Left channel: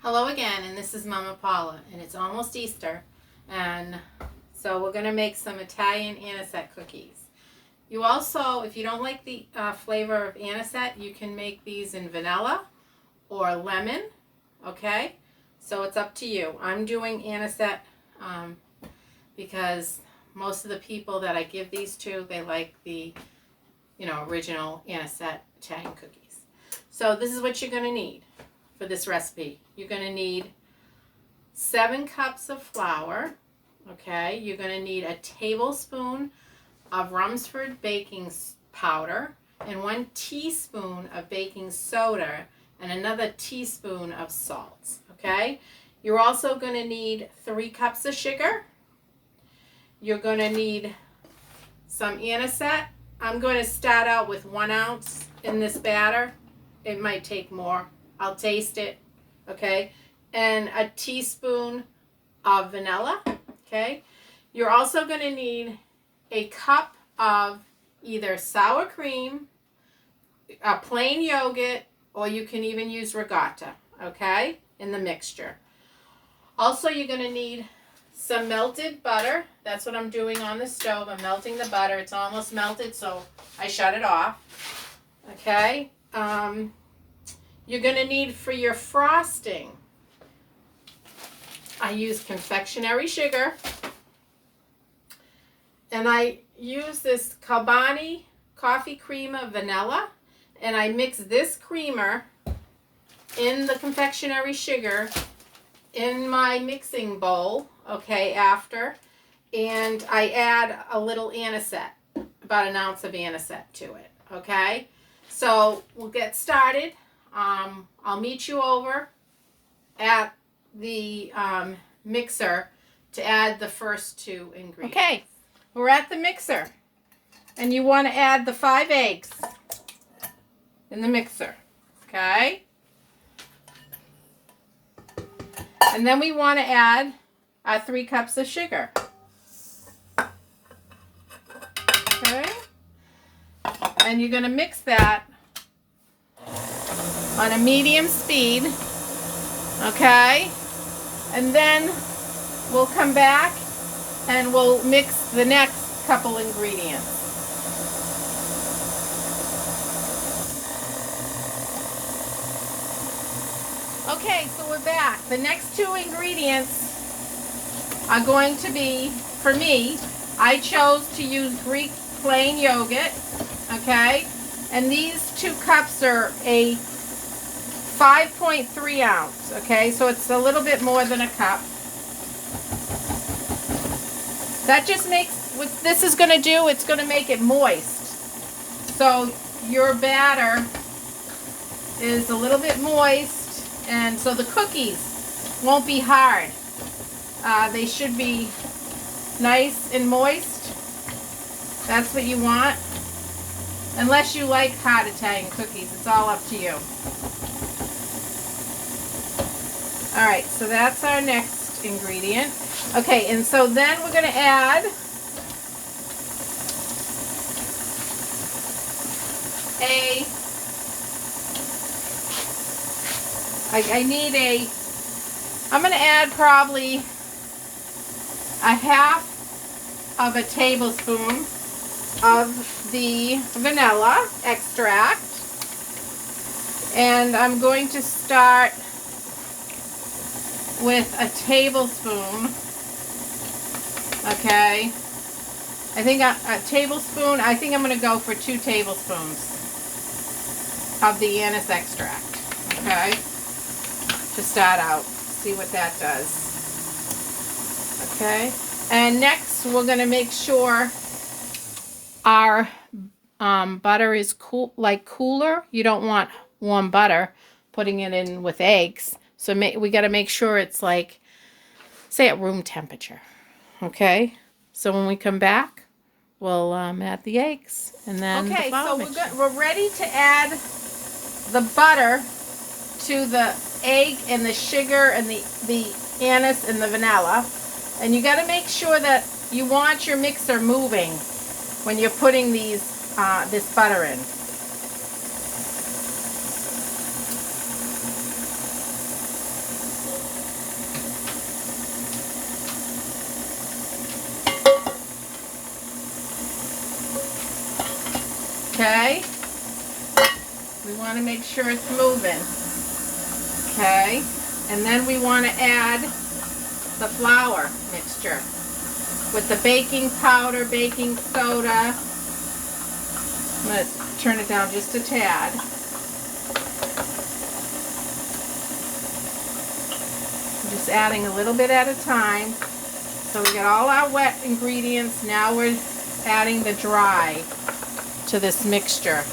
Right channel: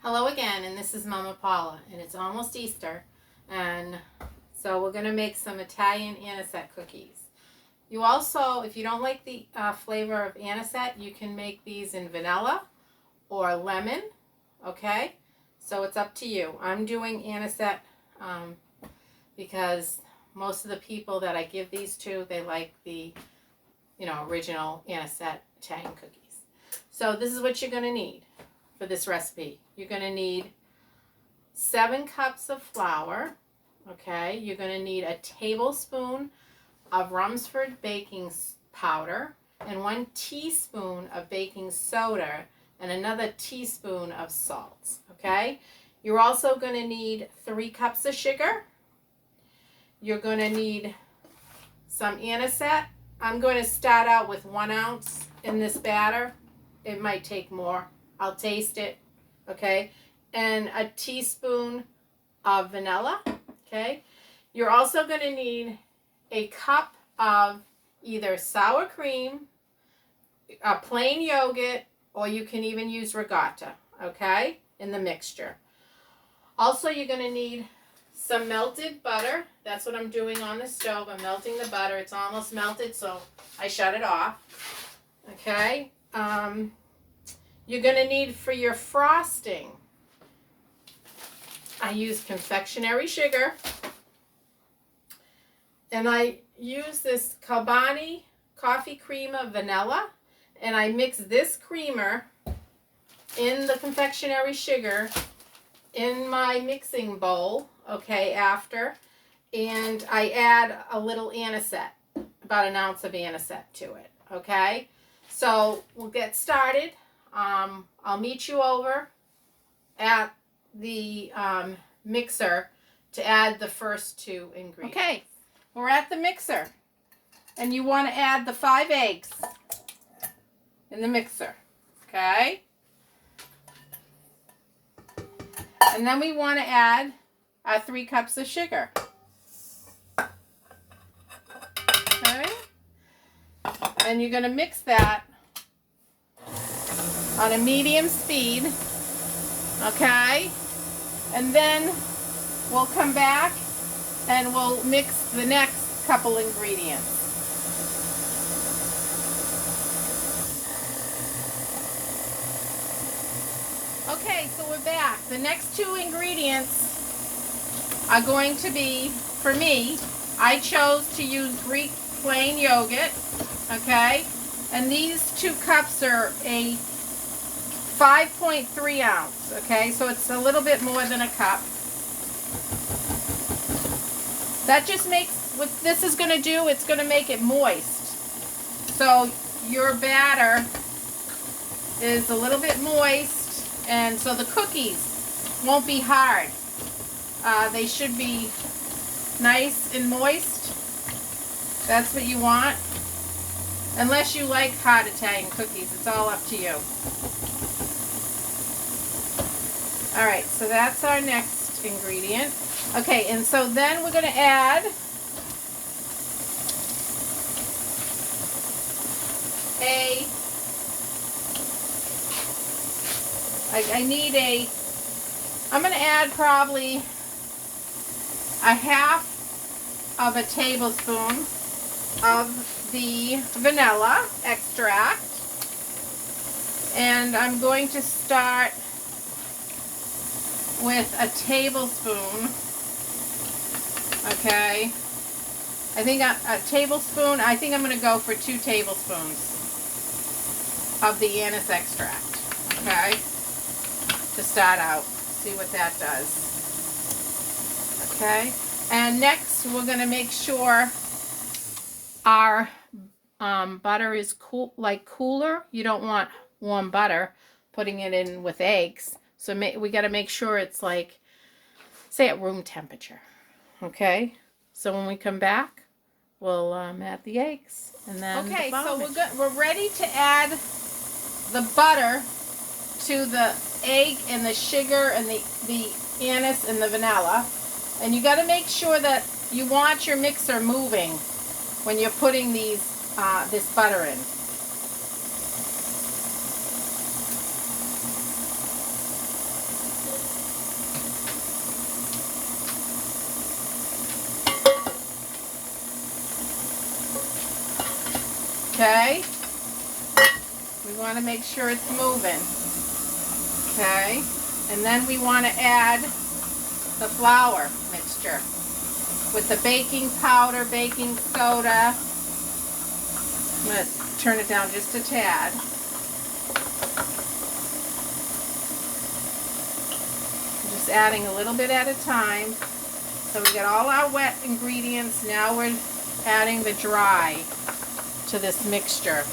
Hello again, and this is Mama Paula, and it's almost Easter, and so we're going to make some Italian anisette cookies. You also, if you don't like the flavor of anisette, you can make these in vanilla or lemon, okay? So it's up to you. I'm doing anisette because most of the people that I give these to, they like the, original anisette Italian cookies. So this is what you're going to need for this recipe. You're going to need 7 cups of flour, okay? You're going to need a tablespoon of Rumsford baking powder and 1 teaspoon of baking soda and another teaspoon of salt, okay? You're also going to need 3 cups of sugar. You're going to need some anisette. I'm going to start out with 1 ounce in this batter. It might take more. I'll taste it, okay? And a teaspoon of vanilla, okay? You're also going to need a cup of either sour cream, a plain yogurt, or you can even use ricotta, okay, in the mixture. Also, you're going to need some melted butter. That's what I'm doing on the stove. I'm melting the butter. It's almost melted, so I shut it off, okay? You're going to need for your frosting, I use confectionery sugar, and I use this Calbani coffee creamer vanilla, and I mix this creamer in the confectionery sugar in my mixing bowl, okay, after, and I add a little anisette, about 1 ounce of anisette to it, okay? So we'll get started. I'll meet you over at the mixer to add the first 2 ingredients. Okay, we're at the mixer, and you want to add the 5 eggs in the mixer, okay? And then we want to add our 3 cups of sugar, okay? And you're going to mix that on a medium speed, okay? And then we'll come back and we'll mix the next couple ingredients. Okay, so we're back. The next 2 ingredients are going to be, for me, I chose to use Greek plain yogurt, okay? And these 2 cups are a 5.3 ounce, okay? So it's a little bit more than a cup. That just makes, what this is going to do, it's going to make it moist. So your batter is a little bit moist, and so the cookies won't be hard. They should be nice and moist. That's what you want. Unless you like hot Italian cookies, it's all up to you. All right, so that's our next ingredient. Okay, and so then we're going to add I'm going to add probably a half of a tablespoon of the vanilla extract. And I'm going to start with a tablespoon, okay? I think a tablespoon, I think I'm going to go for 2 tablespoons of the anise extract, okay? To start out, see what that does, okay? And next, we're going to make sure our butter is cooler. You don't want warm butter putting it in with eggs. So we got to make sure it's like, say, at room temperature, okay? So when we come back, we'll add the eggs and then okay. So we're ready to add the butter to the egg and the sugar and the anise and the vanilla, and you got to make sure that you want your mixer moving when you're putting these this butter in. Okay? We want to make sure it's moving. Okay? And then we want to add the flour mixture with the baking powder, baking soda. I'm going to turn it down just a tad. Just adding a little bit at a time. So we get all our wet ingredients. Now we're adding the dry to this mixture.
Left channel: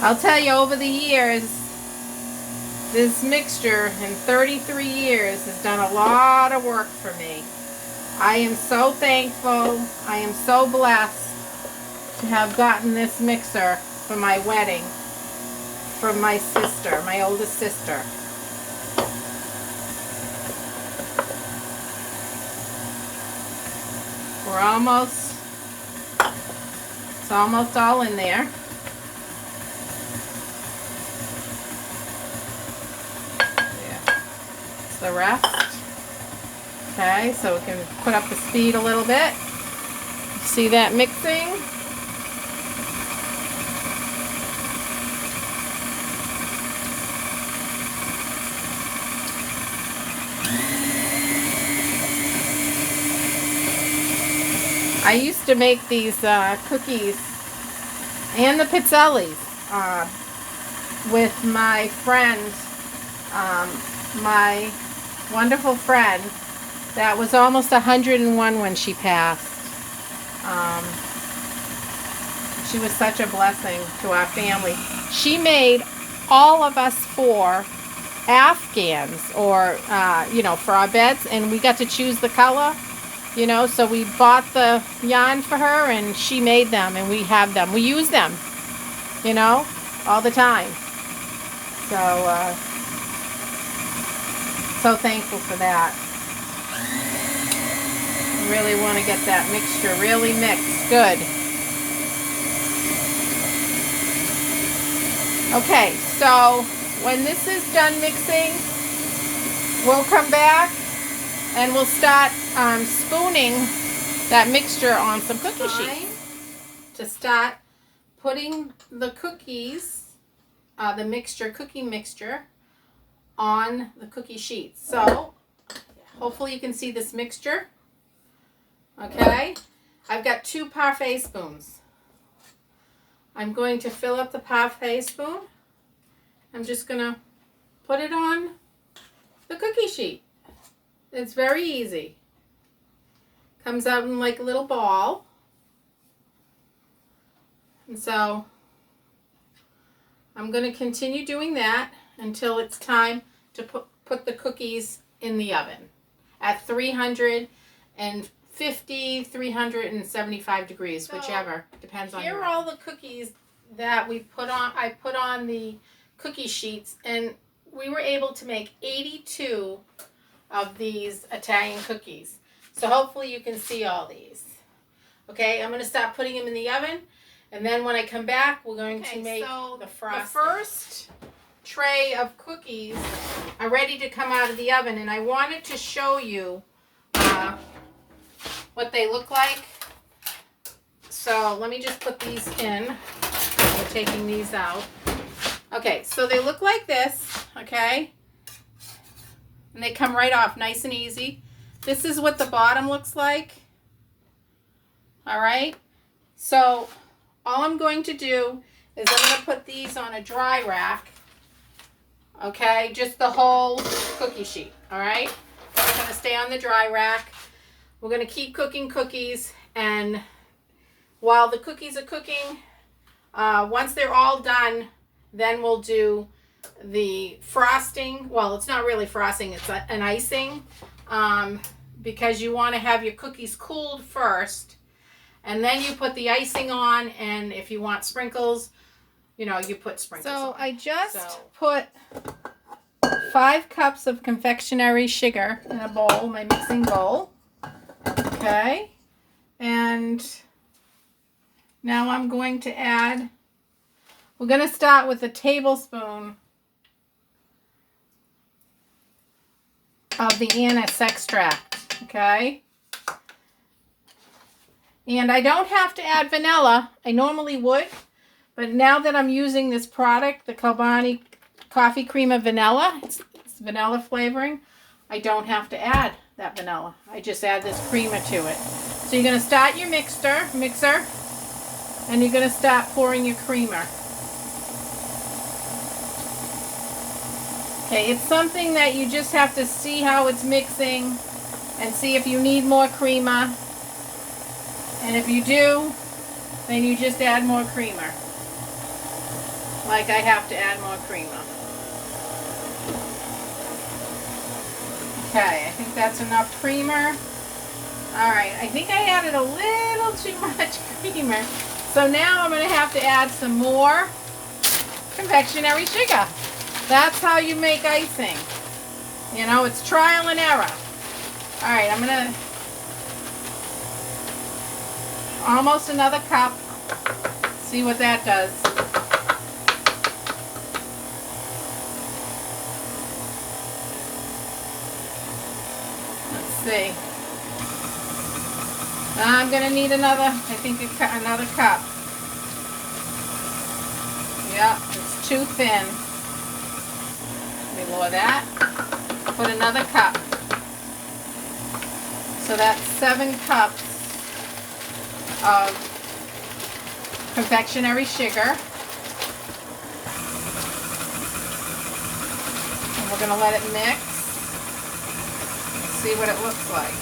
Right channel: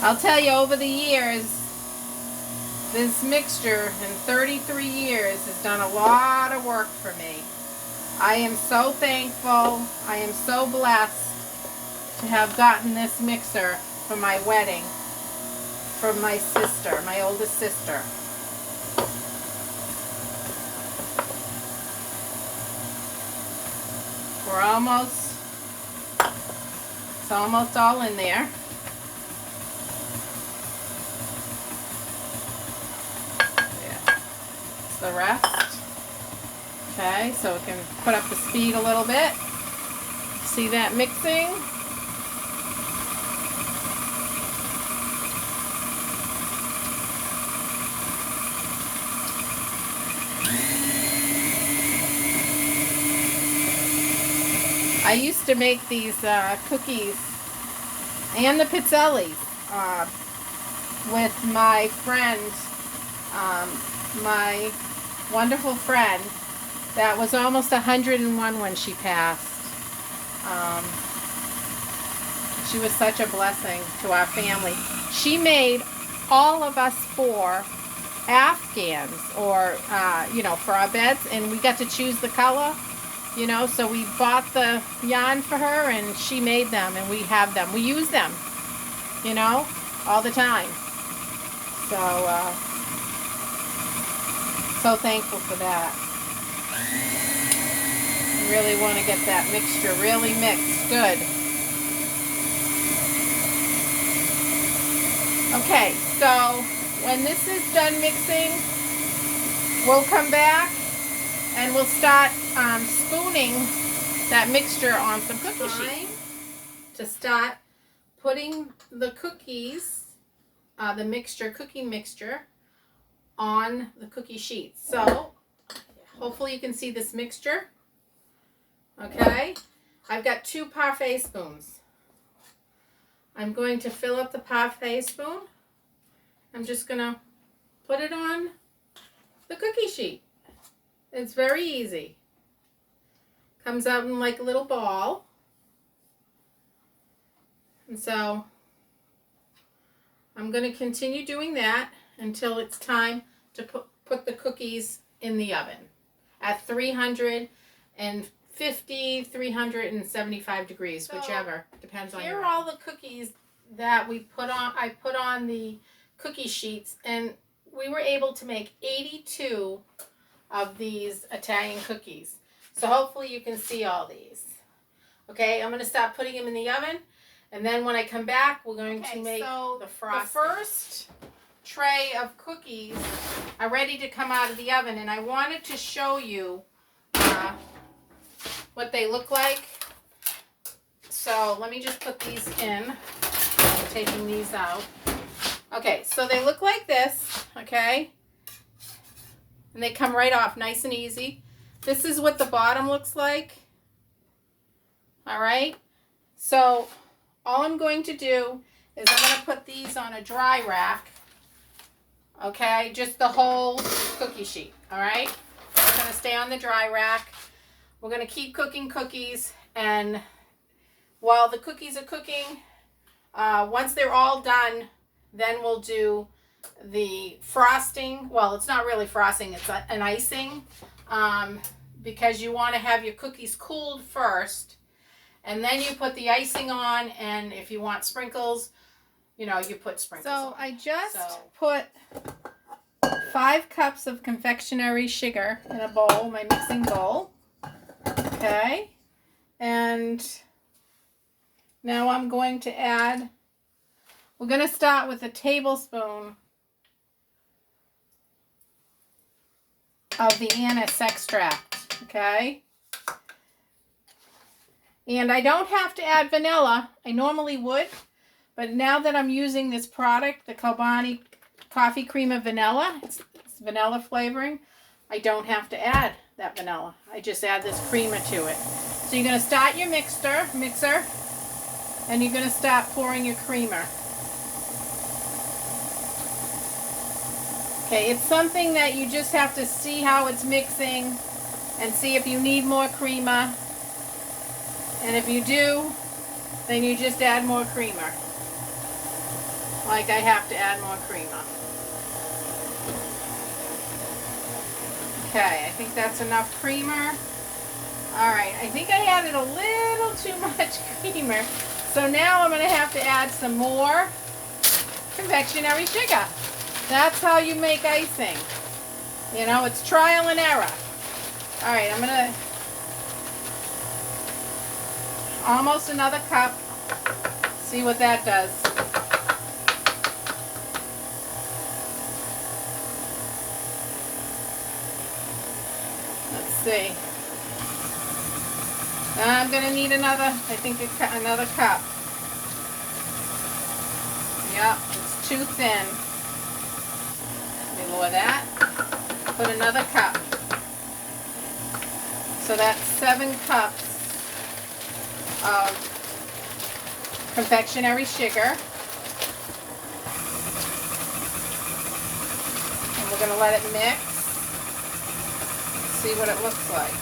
I'll tell you, over the years, this mixture in 33 years has done a lot of work for me. I am so thankful. I am so blessed to have gotten this mixer for my wedding from my sister, my oldest sister. We're almost, it's almost all in there. The rest. Okay, so we can put up the speed a little bit. See that mixing? I used to make these cookies and the pizzellis with my friend, my wonderful friend that was almost 101 when she passed. She was such a blessing to our family. She made all of us 4 Afghans, or you know, for our beds, and we got to choose the color, you know, so we bought the yarn for her and she made them, and we have them. We use them, you know, all the time. So thankful for that. Really want to get that mixture really mixed good. Okay, so when this is done mixing, we'll come back and we'll start spooning that mixture on some cookie sheets. To start putting the cookies, the cookie mixture, on the cookie sheets. So hopefully you can see this mixture. Okay, I've got 2 parfait spoons. I'm going to fill up the parfait spoon. I'm just going to put it on the cookie sheet. It's very easy. Comes out in like a little ball. And so I'm going to continue doing that until it's time to put the cookies in the oven at 350, 375 degrees, so whichever, depends on. Here are all the cookies that we put on. I put on the cookie sheets, and we were able to make 82 of these Italian cookies. So hopefully you can see all these. Okay, I'm going to stop putting them in the oven, and then when I come back, we're going to make the frosting. The first tray of cookies are ready to come out of the oven, and I wanted to show you what they look like. So let me just put these in. I'm taking these out. Okay, so they look like this, okay? And they come right off nice and easy. This is what the bottom looks like. All right, so all I'm going to do is I'm going to put these on a dry rack. Okay, just the whole cookie sheet, all right? It's going to stay on the dry rack. We're going to keep cooking cookies, and while the cookies are cooking, once they're all done, then we'll do the frosting. Well, it's not really frosting, it's an icing, because you want to have your cookies cooled first, and then you put the icing on, and if you want sprinkles, you know, you put sprinkles on. I just put 5 cups of confectionery sugar in a bowl, my mixing bowl. Okay. And now I'm going to add, we're going to start with a tablespoon of the anise extract, okay? And I don't have to add vanilla. I normally would, but now that I'm using this product, the Chobani Coffee Creamer Vanilla, it's vanilla flavoring, I don't have to add that vanilla. I just add this creamer to it. So you're going to start your mixer, and you're going to start pouring your creamer. Okay, it's something that you just have to see how it's mixing and see if you need more creamer. And if you do, then you just add more creamer. Like I have to add more creamer. Okay, I think that's enough creamer. Alright, I think I added a little too much creamer. So now I'm going to have to add some more confectionery sugar. That's how you make icing. You know, it's trial and error. Alright, I'm going to... almost another cup. See what that does. Let's see. I'm going to need another, I think another cup. Yeah, it's too thin. Let me lower that. Put another cup. So that's 7 cups of confectionery sugar. And we're going to let it mix. See what it looks like.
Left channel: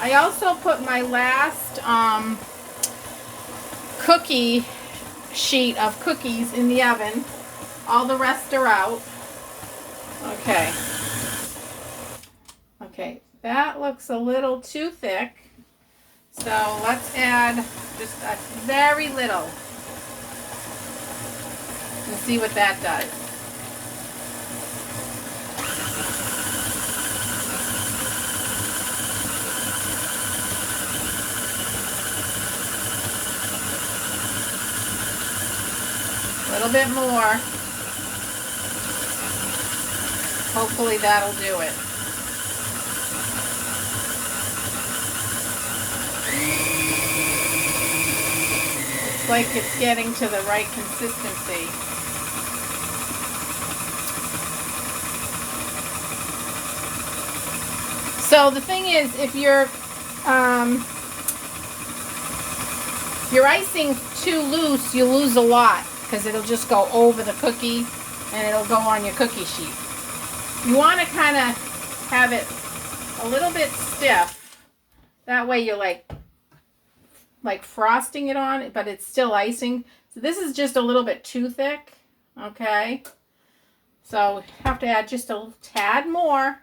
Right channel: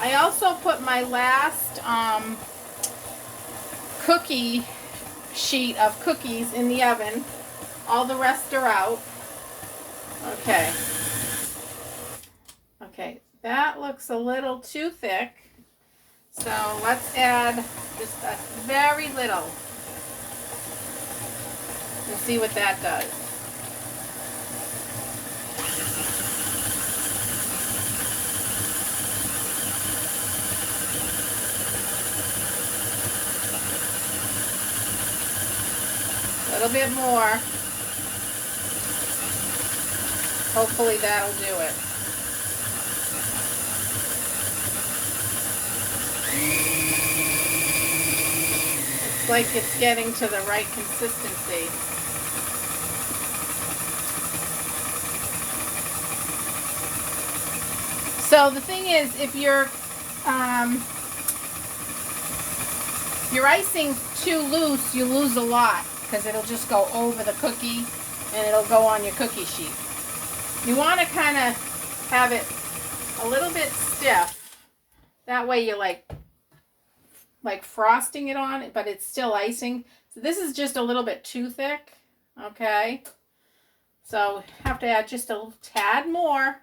I also put my last cookie sheet of cookies in the oven. All the rest are out. Okay. Okay, that looks a little too thick. So let's add just a very little. And see what that does. A little bit more. Hopefully that'll do it. Looks like it's getting to the right consistency. So the thing is, if your icing's too loose, you lose a lot because it'll just go over the cookie and it'll go on your cookie sheet. You want to kind of have it a little bit stiff. That way you're like frosting it on, but it's still icing. So this is just a little bit too thick. Okay. So have to add just a tad more.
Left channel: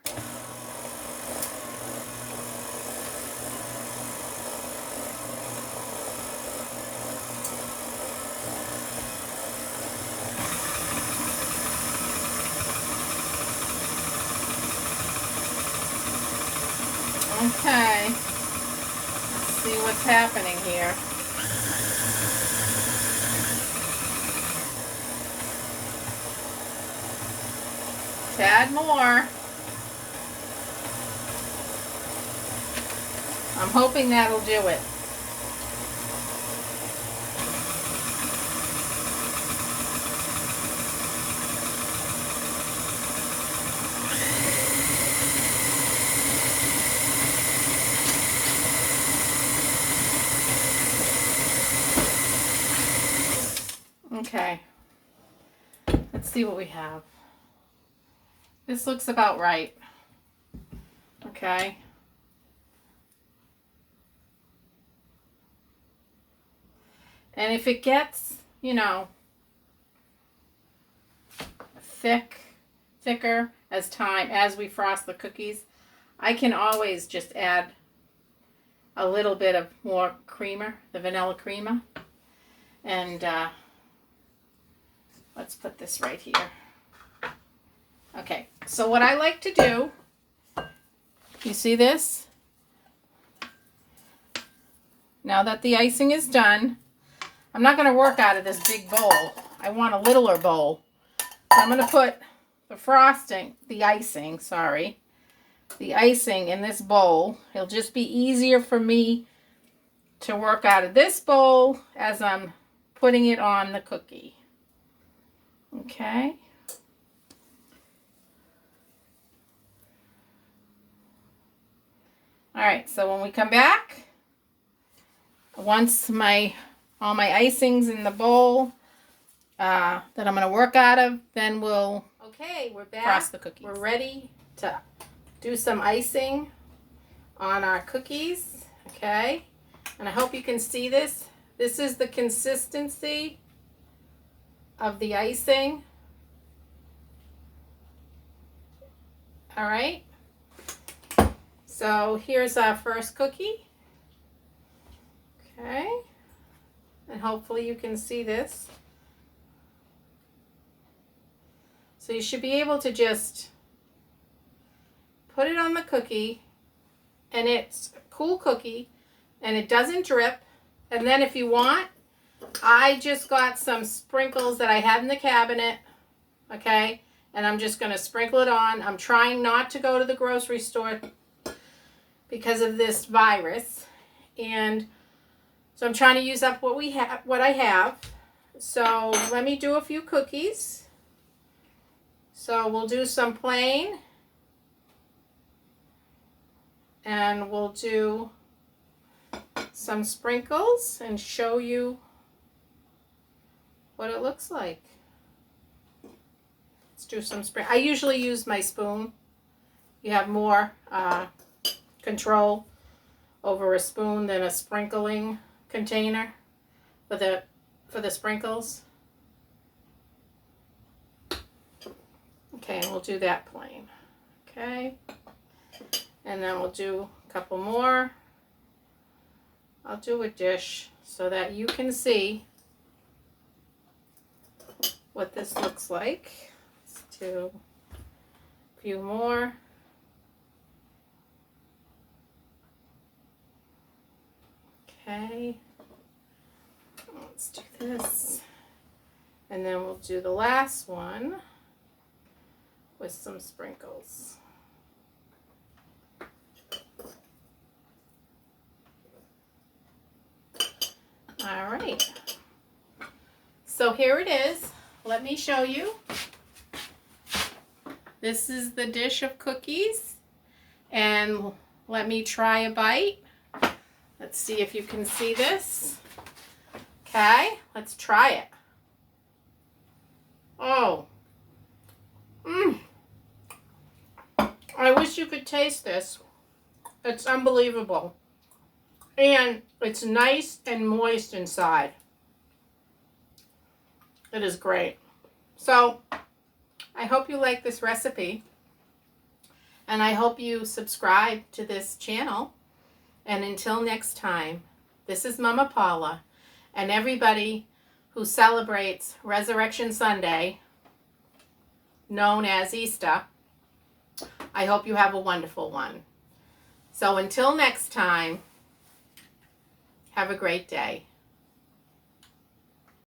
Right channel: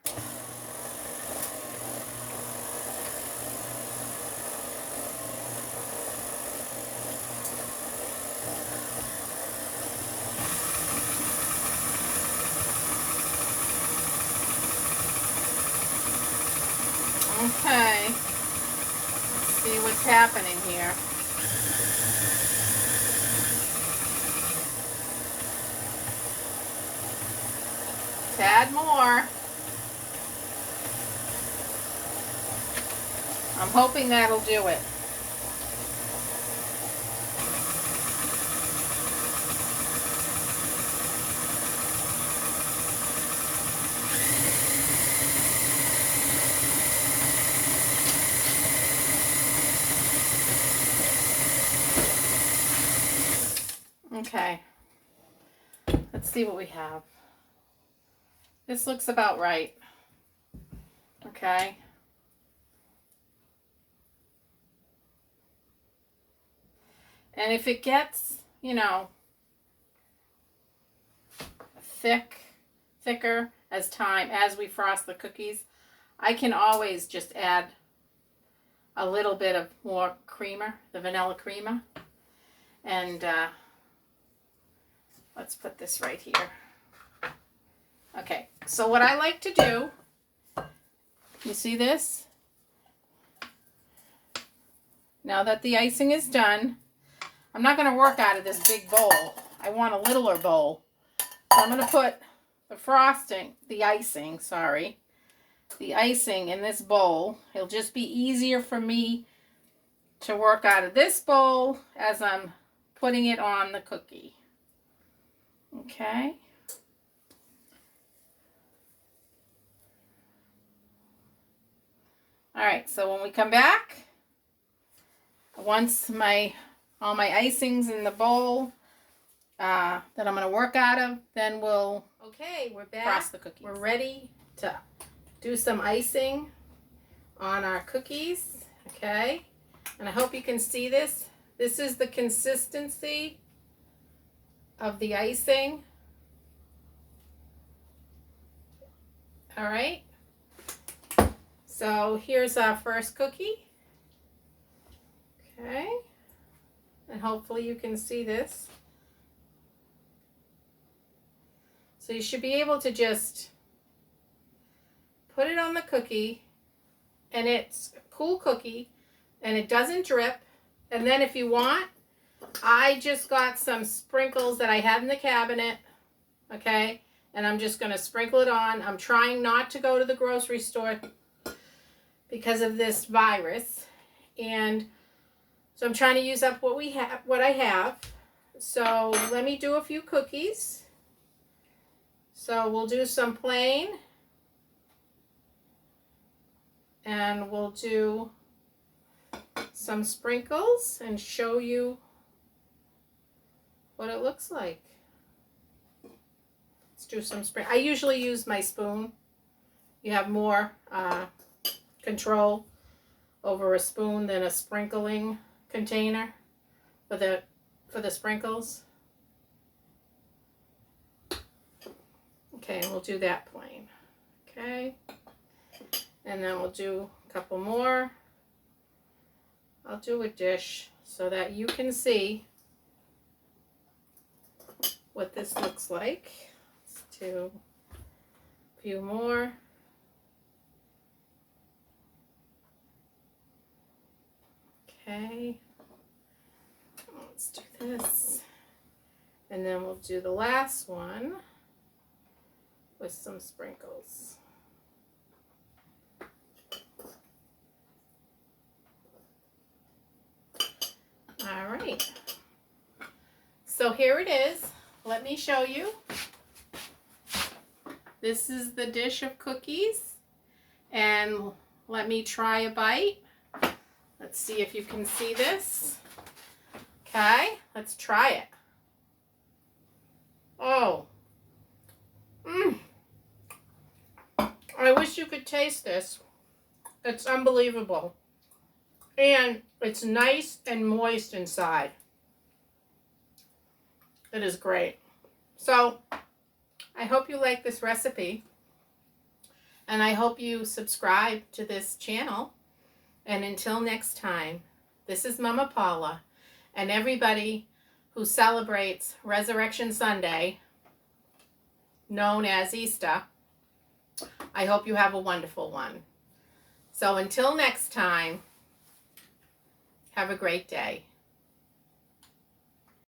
Okay, let's see what's happening here. Tad more. I'm hoping that'll do it. Okay, let's see what we have. This looks about right. Okay. And if it gets, you know, thicker as we frost the cookies, I can always just add a little bit of more creamer, the vanilla creamer. And let's put this right here. Okay, so what I like to do, you see this? now that the icing is done, I'm not going to work out of this big bowl. I want a littler bowl. So I'm going to put the icing in this bowl. It'll just be easier for me to work out of this bowl as I'm putting it on the cookie. Okay. All right, so when we come back, once all my icing's in the bowl that I'm going to work out of, then we'll we're back. Cross the cookies. We're ready to do some icing on our cookies. Okay, and I hope you can see this. This is the consistency of the icing. All right. So here's our first cookie. Okay. And hopefully you can see this. So you should be able to just put it on the cookie, and it's a cool cookie and it doesn't drip. And then if you want, I just got some sprinkles that I had in the cabinet. Okay. And I'm just going to sprinkle it on. I'm trying not to go to the grocery store because of this virus, and so I'm trying to use up what I have. So let me do a few cookies. So we'll do some plain, and we'll do some sprinkles and show you what it looks like. Let's do some I usually use my spoon. You have more control over a spoon than a sprinkling container for the sprinkles. Okay, and we'll do that plain. Okay, and then we'll do a couple more. I'll do a dish so that you can see what this looks like. Let's do a few more. Okay, let's do this, and then we'll do the last one with some sprinkles. All right, so here it is. Let me show you. This is the dish of cookies, and let me try a bite. Let's see if you can see this. Okay, let's try it. Oh. I wish you could taste this. It's unbelievable. And it's nice and moist inside. It is great. So, I hope you like this recipe. And I hope you subscribe to this channel. And until next time, this is Mama Paula, and everybody who celebrates Resurrection Sunday, known as Easter, I hope you have a wonderful one. So until next time, have a great day.